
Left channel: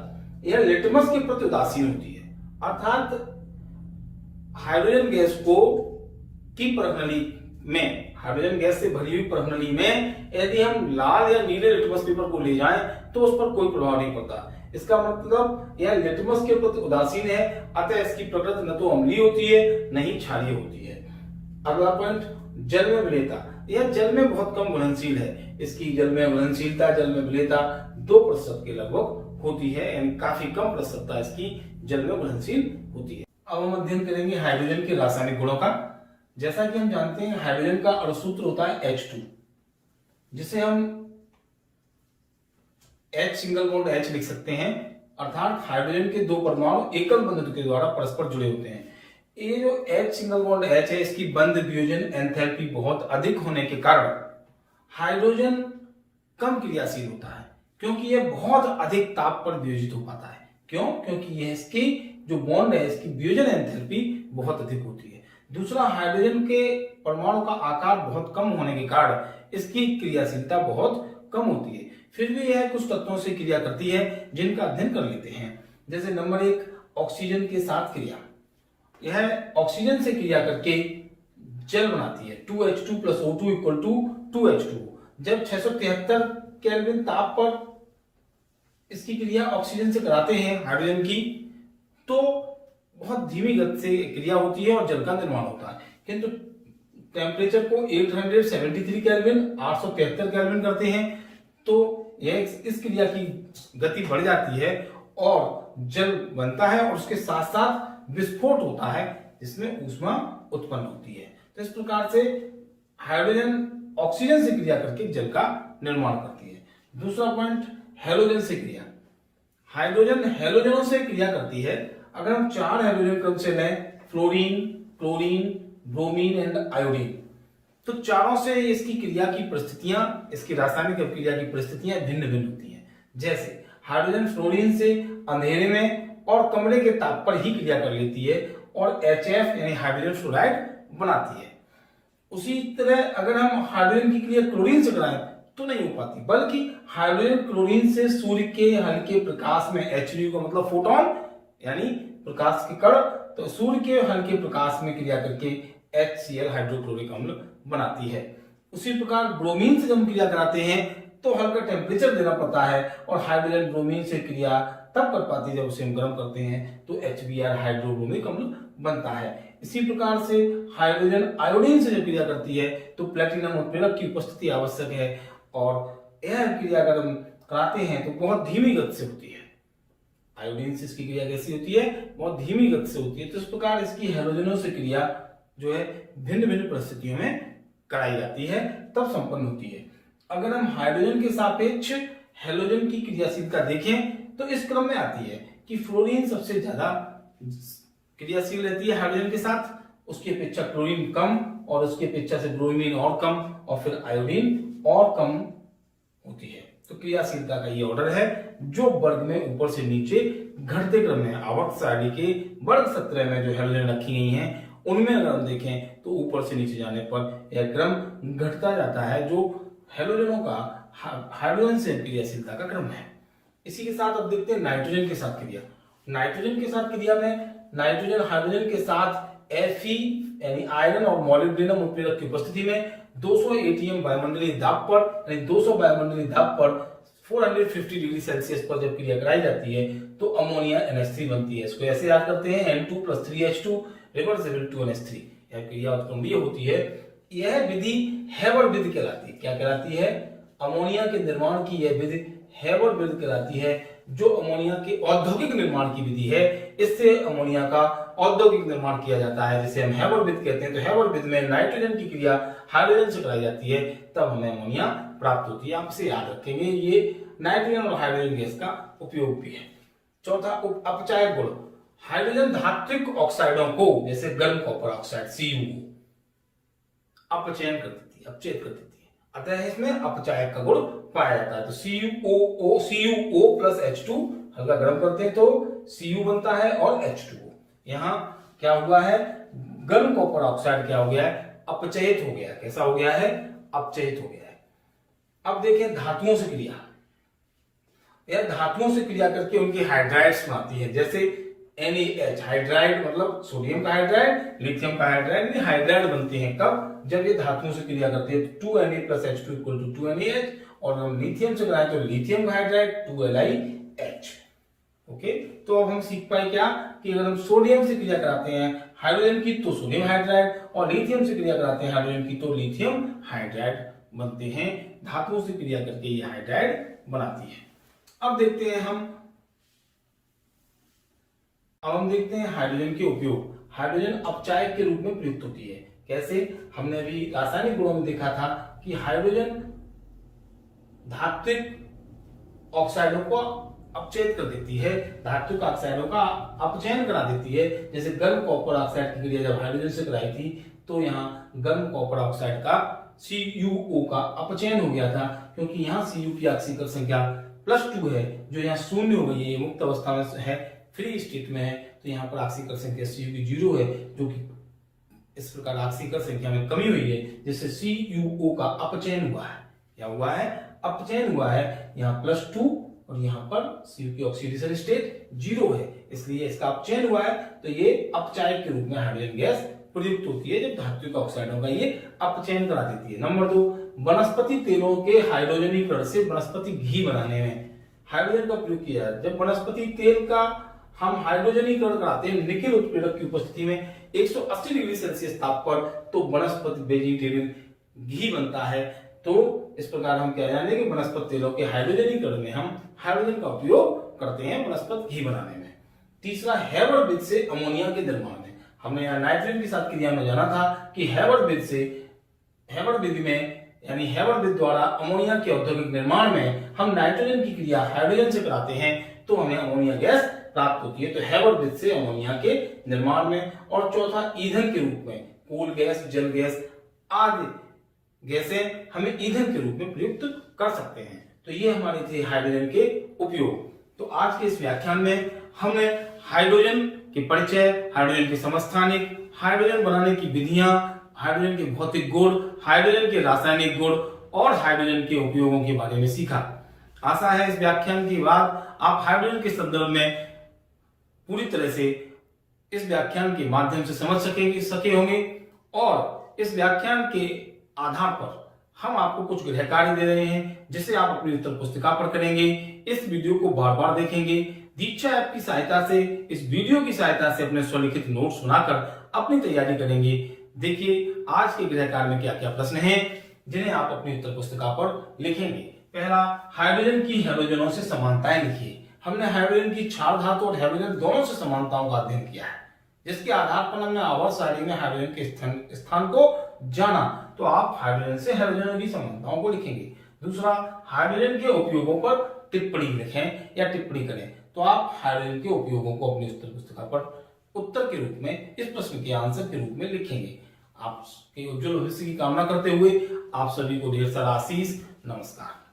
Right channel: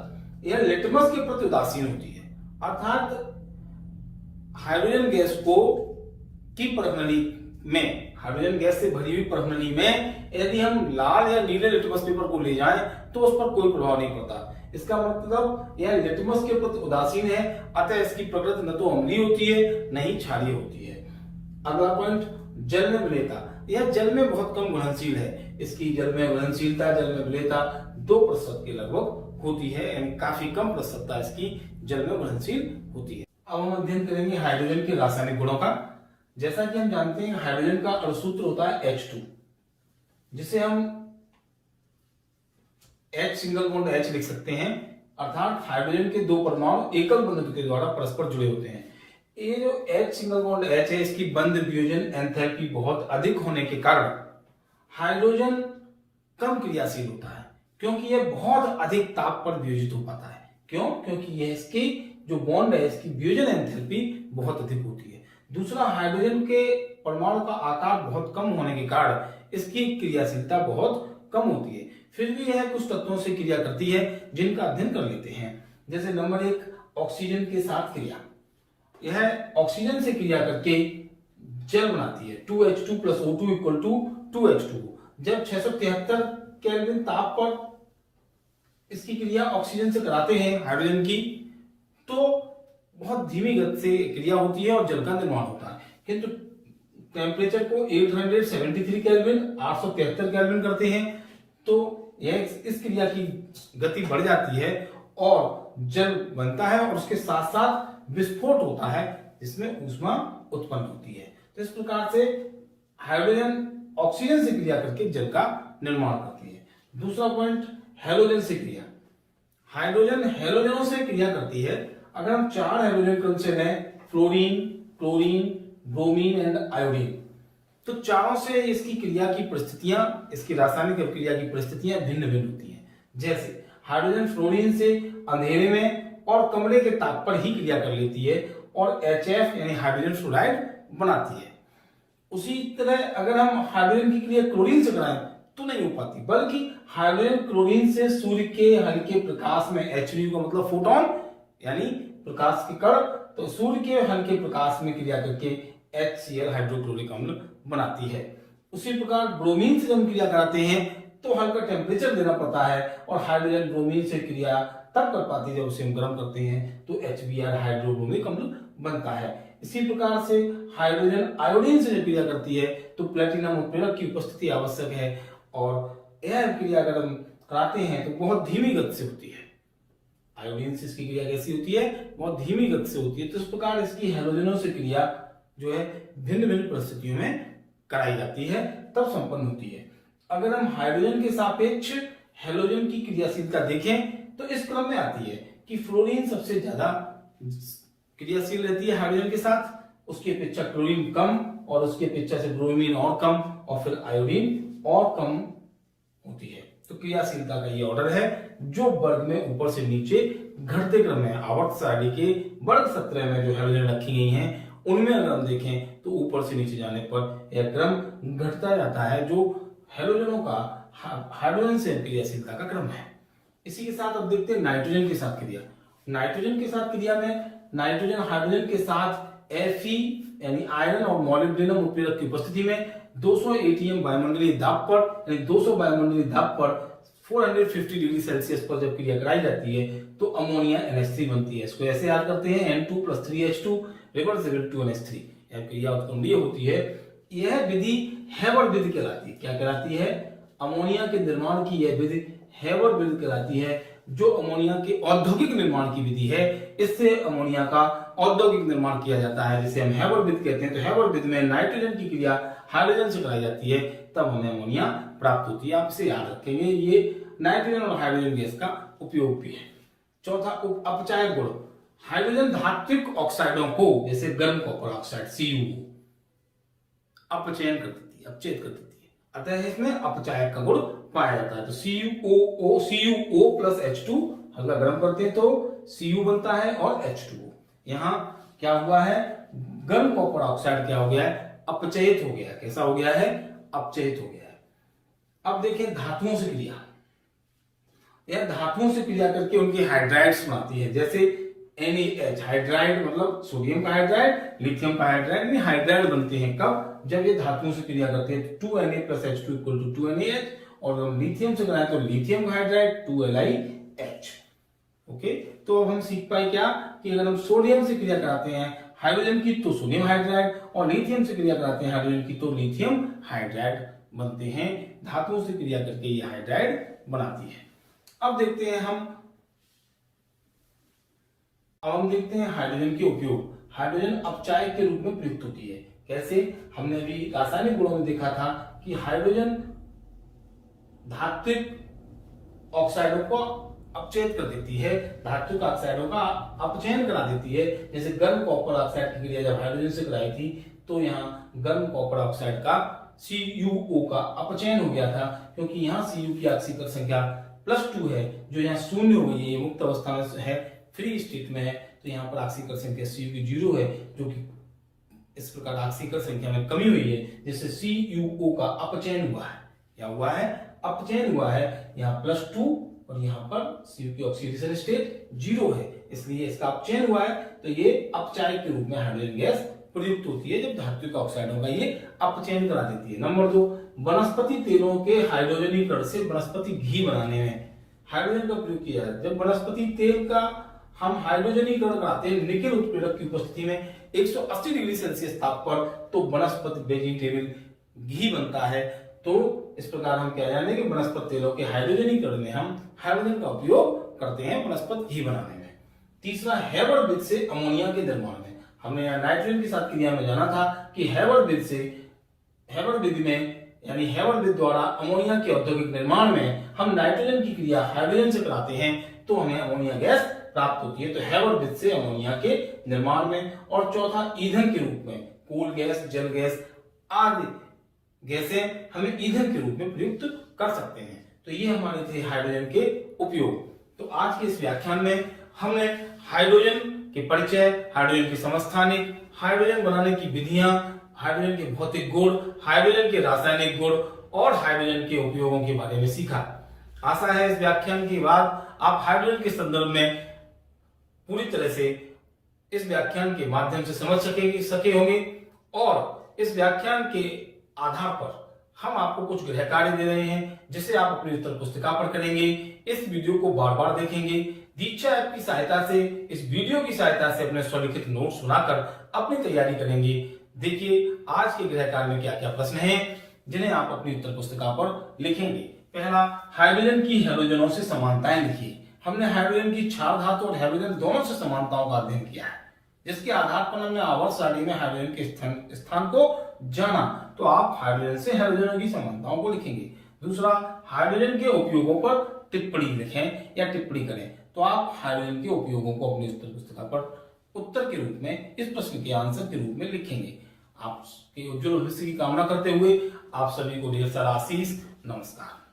यह लिटमस के प्रति उदासीन होती है। अर्थात हाइड्रोजन गैस को की प्रणाली में, हाइड्रोजन गैस से भरी हुई प्रणाली में यदि हम लाल या नीले लिटमस पेपर को ले जाएं तो उस पर कोई प्रभाव नहीं पड़ता। इसका मतलब यह लिटमस के प्रति उदासीन है, अतः इसकी प्रकृति न तो अम्लीय होती है न ही क्षारीय होती है। अगला पॉइंट, जल में विलेयता। यह जल में बहुत कम घुलनशील है। इसकी जल में घुलनशीलता, जल में विलेयता 2% के लगभग होती है, यानी काफी कम प्रतिशतता इसकी जल में घुलनशील होती है। अब हम अध्ययन करेंगे हाइड्रोजन के रासायनिक गुणों का। जैसा कि हम जानते हैं हाइड्रोजन का अणुसूत्र होता है H2, जिसे हम H सिंगल बॉन्ड H लिख सकते हैं। अर्थात हाइड्रोजन के दो परमाणु एकल बंधन के द्वारा परस्पर जुड़े होते हैं। ये जो H सिंगल बॉन्ड H है, इसकी बंध वियोजन एंथैल्पी बहुत अधिक होने के कारण हाइड्रोजन कम क्रियाशील होता है, क्योंकि यह बहुत अधिक ताप पर वियोजित हो पाता है। क्यों? क्योंकि यह इसकी जो बॉन्ड है, इसकी वियोजन एंथैल्पी बहुत अधिक होती है। दूसरा, हाइड्रोजन के परमाणु का आकार बहुत कम होने के कारण इसकी क्रियाशीलता बहुत कम होती है। फिर भी यह कुछ तत्वों से क्रिया करती है जिनका अध्ययन कर लेते हैं। जैसे नंबर 1, ऑक्सीजन के साथ क्रिया। यह ऑक्सीजन से क्रिया करके जल बनाती है। 2H2 + O2 = 2H2। जब 673 केल्विन ताप पर इसकी क्रिया ऑक्सीजन से कराते हैं हाइड्रोजन की, तो बहुत धीमी गति से क्रिया होती है और जल का निर्माण होता है। किंतु टेम्परेचर को 873 केल्विन 873 केल्विन करते हैं तो यह इस क्रिया की गति बढ़ जाती है और जल बनता है और उसके साथ साथ विस्फोट होता है जिसमें ऊष्मा उत्पन्न होती है। तो इस प्रकार से हाइड्रोजन ऑक्सीजन से क्रिया करके जल का निर्माण करती है। दूसरा पॉइंट, हैलोजन से क्रिया। हाइड्रोजन हैलोजनों से क्रिया करती है। अगर हम 4 हाइड्रोजन क्रम से लें, fluorine, chlorine, bromine and iodine, तो चारों से इसकी क्रिया की परिस्थितियां, इसकी रासायनिक अभिक्रिया की परिस्थितियां भिन्न भिन्न होती हैं। जैसे हाइड्रोजन फ्लोरीन से अंधेरे में और कमरे के ताप पर ही क्रिया कर लेती है और HF यानी हाइड्रोजन फ्लोराइड बनाती है। उसी तरह अगर हम हाइड्रोजन की क्रिया क्लोरीन से कराएं तो नहीं हो पाती, बल्कि हाइड्रोजन क्लोरीन से सूर्य के हल्के प्रकाश में, HV का मतलब फोटोन यानी प्रकाश के कण, तो सूर्य के हल्के प्रकाश में क्रिया करके HCl हाइड्रोक्लोरिक अम्ल बनाती है। उसी प्रकार ब्रोमीन से जब हम क्रिया कराते हैं तो हल्का टेम्परेचर देना पड़ता है और हाइड्रोजन ब्रोमीन से क्रिया तब कर पाती है जब उसे हम गर्म करते हैं तो HBr हाइड्रोब्रोमिक अम्ल बनता है। इसी प्रकार से हाइड्रोजन आयोडीन से जब क्रिया करती है तो प्लेटिनम उत्प्रेरक की उपस्थिति आवश्यक है और यह क्रिया अगर हम कराते हैं तो बहुत धीमी गति से होती है। आयोडीन से इसकी क्रिया कैसी होती है? बहुत धीमी गति से होती है। तो इस प्रकार इसकी हैलोजनों से क्रिया जो है भिन्न भिन्न परिस्थितियों में कराई जाती है, तब संपन्न होती है। अगर हम हाइड्रोजन के सापेक्ष हैलोजन की क्रियाशीलता देखें तो इस क्रम में आती है कि फ्लोरीन सबसे ज्यादा क्रियाशील रहती है हाइड्रोजन के साथ, उसकी अपेक्षा क्लोरीन कम और उसकी अपेक्षा से ब्रोमीन और कम और फिर आयोडीन और कम होती है। तो क्रियाशीलता का ये ऑर्डर है जो वर्ग में ऊपर से नीचे घटते क्रम में आवर्त सारणी के वर्ग 17 में जो हैलोजन रखी गई हैं उनमें अगर हम देखें तो ऊपर से नीचे जाने पर यह क्रम घटता जाता है, जो हैलोजनों का हाइड्रोजन से क्रियाशीलता का क्रम है। इसी के साथ अब देखते हैं नाइट्रोजन के साथ क्रिया। नाइट्रोजन के साथ क्रिया में नाइट्रोजन हाइड्रोजन के साथ Fe यानी आयरन और मोलिब्डेनम उत्प्रेरक की उपस्थिति में 200 atm वायुमंडलीय दाब पर यानी 200 वायुमंडलीय दाब पर 450 डिग्री सेल्सियस पर जब क्रिया कराई जाती है तो तो अमोनिया NH3 बनती है। इसको ऐसे याद करते हैं N2 + 3H2 रिवर्सिबल 2NH3। यह क्रिया उत्क्रमणीय होती है। यह विधि हेबर विधि कहलाती है। क्या कहलाती है? अमोनिया के निर्माण की यह विधि हेबर विधि कहलाती है, जो अमोनिया के औद्योगिक निर्माण की विधि है। इससे अमोनिया का औद्योगिक निर्माण किया जाता है, जिसे हम हेबर विधि कहते हैं। तो हेबर विधि में नाइट्रोजन की क्रिया हाइड्रोजन से कराई जाती है, तब हमें अमोनिया प्राप्त होती है। आप इसे याद रखेंगे, ये नाइट्रोजन और हाइड्रोजन गैस का उपयोग भी है। चौथा, अपचायक गुण। हाइड्रोजन धात्विक ऑक्साइडों को, जैसे गर्म कॉपर ऑक्साइड Cu, अपचयन कर देती है, अपचेत कर देती है। अतः इसमें अपचायक का गुण पाया जाता है। तो CuO + H2 हल्का गर्म करते हैं तो Cu बनता है और H2O। यहाँ क्या हुआ है? गर्म कॉपर ऑक्साइड क्या हो गया है? अपचयित हो गया है। कैसा हो गया है? अपचयित हो गया है। अब देखें धातुओं से क्रिया। यह धातुओं से क्रिया करके उनकी हाइड्राइड्स बनाती है। जैसे NaH हाइड्राइड, मतलब सोडियम का हाइड्राइड, लिथियम का हाइड्राइड, ये हाइड्राइड बनते हैं कब? जब ये धातुओं से क्रिया करते हैं। 2Na + H2 = 2NaH, और हम लिथियम से कराएं तो लिथियम का हाइड्राइड 2LiH। ओके, तो अब हम सीख पाए क्या कि अगर हम सोडियम से क्रिया कराते हैं हाइड्रोजन की तो सोडियम हाइड्राइड, और लिथियम से क्रिया कराते हैं हाइड्रोजन की तो लिथियम हाइड्राइड बनते हैं। धातुओं से क्रिया करके ये हाइड्राइड बनाती है। अब देखते हैं हाइड्रोजन के उपयोग। हाइड्रोजन अपचायक के रूप में प्रयुक्त होती है। कैसे? हमने अभी रासायनिक गुणों में देखा था कि हाइड्रोजन धात्विक ऑक्साइडों को अपचयित कर देती है, धात्विक ऑक्साइडों का अपचयन करा देती है। जैसे गर्म कॉपर ऑक्साइड की क्रिया जब हाइड्रोजन से कराई थी, तो यहाँ गर्म कॉपर ऑक्साइड का CuO का अपचयन हो गया था, क्योंकि यहाँ Cu की ऑक्सीकरण संख्या +2 है, जो यहाँ शून्य हो गई है। ये मुक्त अवस्था में है, फ्री स्टेट में है, तो यहाँ पर ऑक्सीकरण संख्या Cu की 0 है, जो कि इस प्रकार ऑक्सीकरण संख्या में कमी हुई है, जिससे CuO का अपचयन हुआ है। क्या हुआ है? अपचयन हुआ है। यहाँ +2 और यहाँ पर Cu की ऑक्सीडेशन स्टेट 0 है, इसलिए इसका अपचयन हुआ है। तो ये अपचायक के रूप में हाइड्रोजन गैस प्रयुक्त होती है, जब धात्विक ऑक्साइडों का ये अपचयन करा देती है। नंबर 2, वनस्पति तेलों के हाइड्रोजनीकरण से वनस्पति घी बनाने में हाइड्रोजन का प्रयोग किया जाता है। जब वनस्पति तेल का हम हाइड्रोजनीकरण कराते हैं निकेल उत्प्रेरक की उपस्थिति में 180 डिग्री सेल्सियस ताप पर, तो वनस्पति वेजिटेबल घी बनता है। तो इस प्रकार हम क्या जानेंगे, वनस्पति तेलों के हाइड्रोजनीकरण में हम हाइड्रोजन का उपयोग करते हैं वनस्पति घी बनाने में। तीसरा, हेबर विधि से अमोनिया के निर्माण में। हमने यहाँ नाइट्रोजन के साथ क्रिया में जाना था कि हेबर विधि में, यानी हेबर विधि द्वारा अमोनिया के औद्योगिक निर्माण में हम नाइट्रोजन की क्रिया हाइड्रोजन से कराते हैं, तो हमें अमोनिया गैस प्राप्त होती है। तो हेबर विधि से अमोनिया के निर्माण में। और चौथा, ईंधन के रूप में कोल गैस, जल गैस आदि गैसें हमें ईंधन के रूप में प्रयुक्त कर सकते हैं। तो ये हमारे थे हाइड्रोजन के उपयोग। तो आज के इस व्याख्यान में हमने हाइड्रोजन के परिचय, हाइड्रोजन के समस्थानिक, हाइड्रोजन बनाने की विधियां, हाइड्रोजन के भौतिक गुण, हाइड्रोजन के रासायनिक गुण और हाइड्रोजन के उपयोगों के बारे में सीखा। आशा है इस व्याख्यान के बाद आप हाइड्रोजन के संदर्भ में पूरी तरह से इस व्याख्यान के माध्यम से समझ सके होंगे। और इस व्याख्यान के आधार पर हम आपको कुछ गृह कार्य दे रहे हैं, जिसे आप अपनी उत्तर पुस्तिका पर करेंगे। इस वीडियो को बार बार देखेंगे। दीक्षा ऐप की सहायता से, इस वीडियो की सहायता से अपने स्वलिखित नोट्स सुनाकर अपनी तैयारी करेंगे। देखिए आज के गृह कार्य में क्या क्या प्रश्न हैं, जिन्हें आप अपनी उत्तर पुस्तिका पर लिखेंगे। पहला, हाइड्रोजन की हैलोजनों से समानताएं लिखिए। हमने हाइड्रोजन की क्षार धातु और हाइड्रोजन दोनों से समानताओं का अध्ययन किया है, जिसके आधार पर हमने आवर्त सारणी में हाइड्रोजन के स्थान को जाना। तो आप हाइड्रोजन से हाइड्रोजनों की समानताओं को लिखेंगे। दूसरा, हाइड्रोजन के उपयोगों पर टिप्पणी लिखें या टिप्पणी करें। तो आप हाइड्रोजन के उपयोगों को अपनी उत्तर पुस्तिका पर उत्तर के रूप में, इस प्रश्न के आंसर के रूप में लिखेंगे। आपके उज्जवल भविष्य की कामना करते हुए आप सभी को ढेर सारा आशीष। नमस्कार।